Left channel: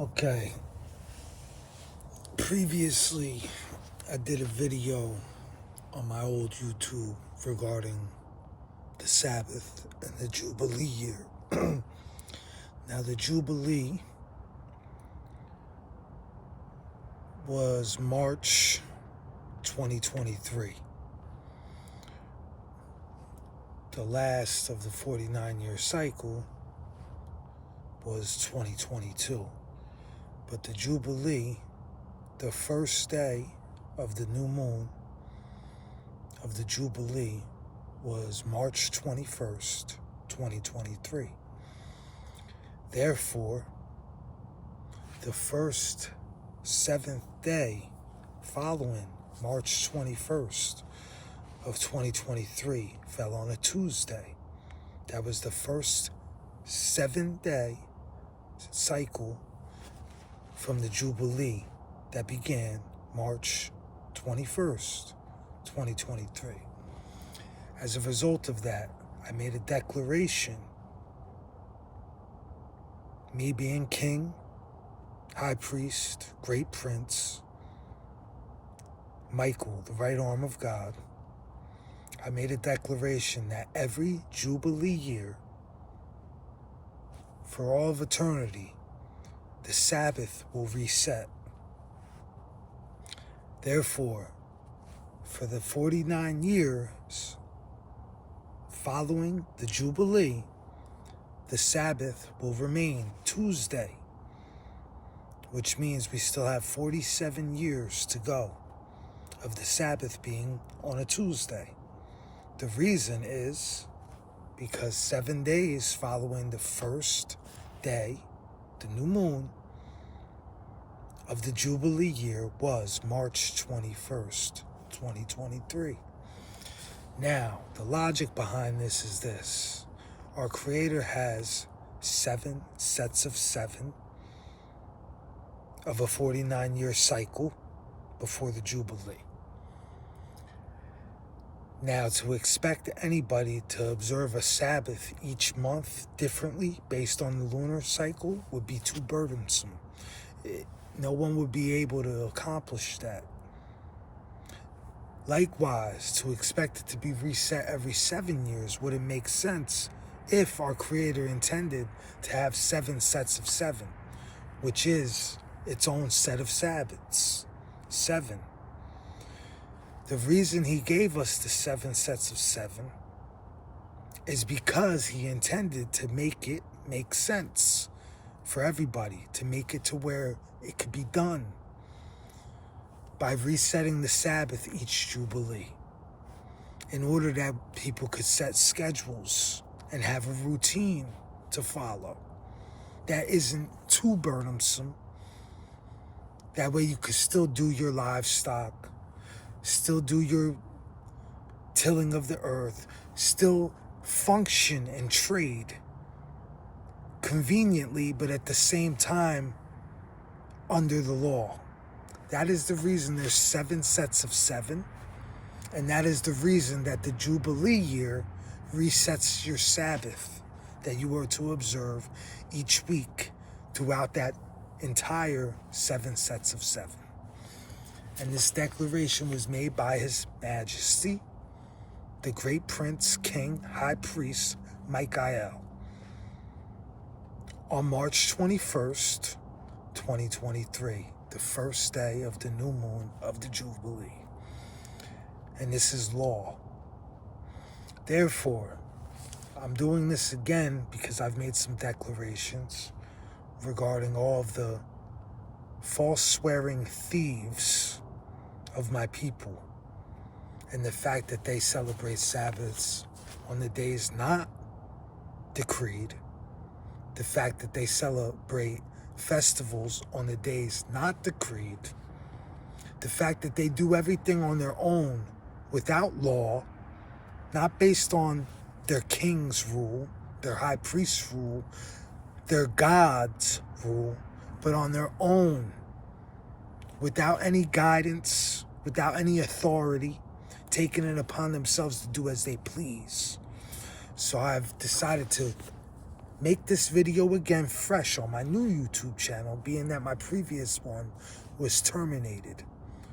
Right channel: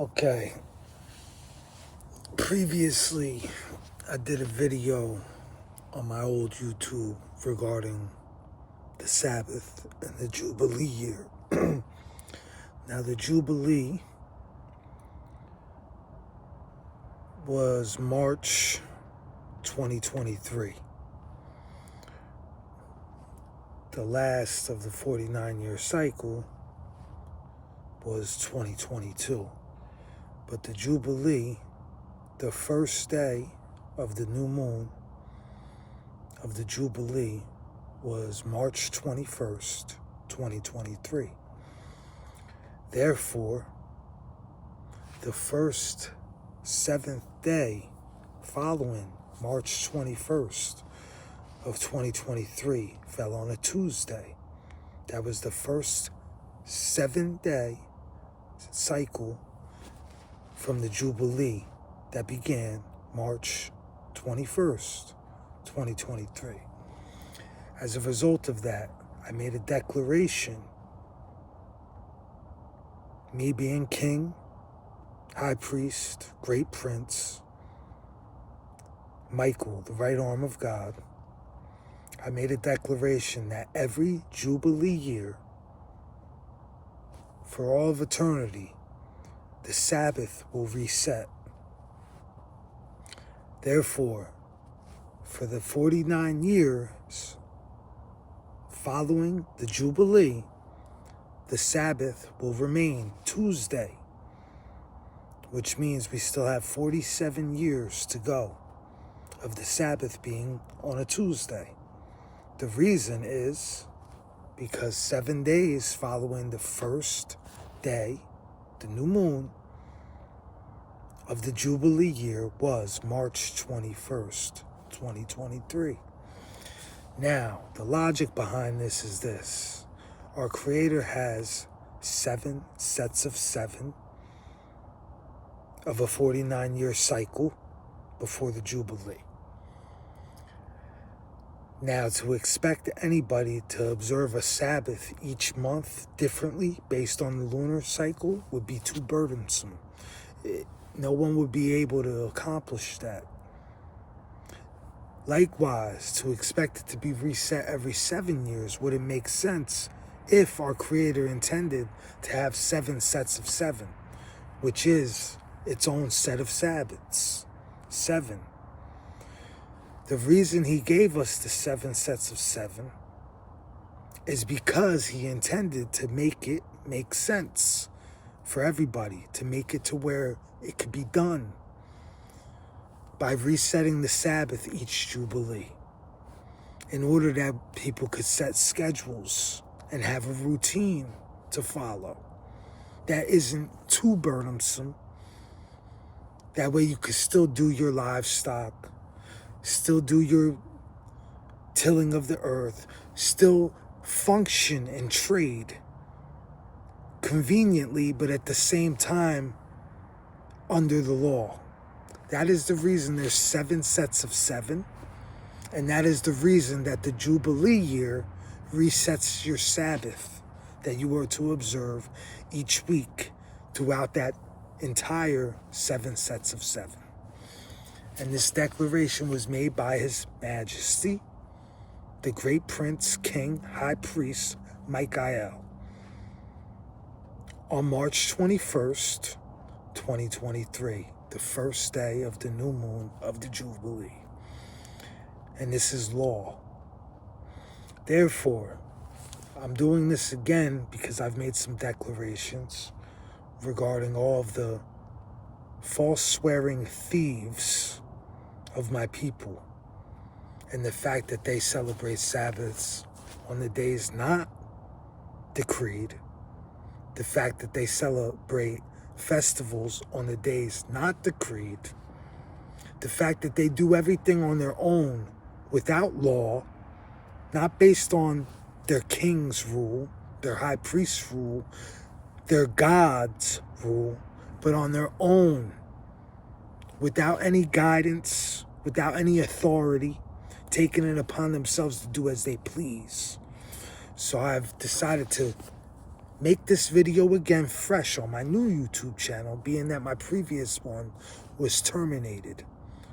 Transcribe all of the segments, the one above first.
Okay, previously I did a video on my old YouTube regarding the Sabbath and the Jubilee year. Now the Jubilee was March 2023. The last of the 49-year cycle was 2022. But the Jubilee, the first day of the new moon of the Jubilee, was March 21st, 2023. Therefore, the first seventh day following March 21st of 2023 fell on a Tuesday. That was the first 7-day cycle from the Jubilee that began March 21st, 2023. As a result of that, I made a declaration, me being king, high priest, great prince, Michael, the right arm of God. I made a declaration that every Jubilee year, for all of eternity, the Sabbath will reset. Therefore, for the 49 years following the Jubilee, the Sabbath will remain Tuesday, which means we still have 47 years to go of the Sabbath being on a Tuesday. The reason is because 7 days following the first day, the new moon of the Jubilee year, was March 21st, 2023. Now, the logic behind this is this. Our Creator has 7 sets of 7 of a 49-year cycle before the Jubilee. Now, to expect anybody to observe a Sabbath each month differently based on the lunar cycle would be too burdensome. No one would be able to accomplish that. Likewise, to expect it to be reset every 7 years wouldn't make sense if our Creator intended to have 7 sets of 7, which is its own set of Sabbaths. 7. The reason He gave us the 7 sets of 7 is because He intended to make it make sense for everybody, to make it to where it could be done by resetting the Sabbath each Jubilee, in order that people could set schedules and have a routine to follow that isn't too burdensome. That way you could still do your livestock, still do your tilling of the earth, still function and trade conveniently, but at the same time under the law. That is the reason there's 7 sets of 7, and that is the reason that the Jubilee year resets your Sabbath that you are to observe each week throughout that entire 7 sets of 7. And this declaration was made by His Majesty, the great prince, king, high priest, Micha, on March 21st, 2023, the first day of the new moon of the Jubilee. And this is law. Therefore, I'm doing this again because I've made some declarations regarding all of the false swearing thieves of my people, and the fact that they celebrate Sabbaths on the days not decreed, the fact that they celebrate festivals on the days not decreed, the fact that they do everything on their own without law, not based on their king's rule, their high priest's rule, their God's rule, but on their own, without any guidance, without any authority, taking it upon themselves to do as they please. So I've decided to make this video again fresh on my new YouTube channel, being that my previous one was terminated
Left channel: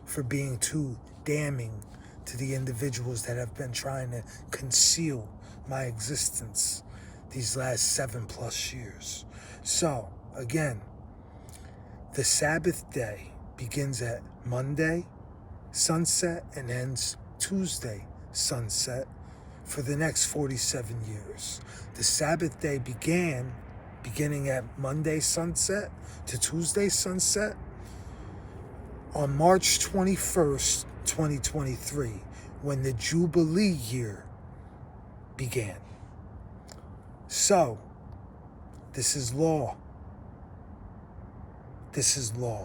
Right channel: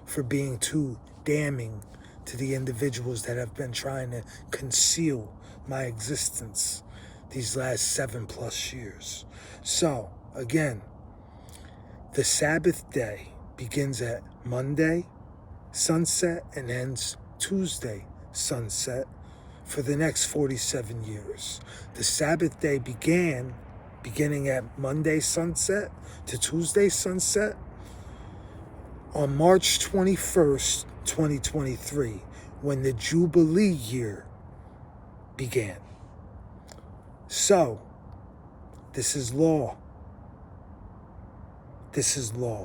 for being too damning to the individuals that have been trying to conceal my existence these last 7+ years. So, again, the Sabbath day begins at Monday sunset and ends Tuesday sunset for the next 47 years. The Sabbath day beginning at Monday sunset to Tuesday sunset on March 21st, 2023, when the Jubilee year began. So, this is law. This is law.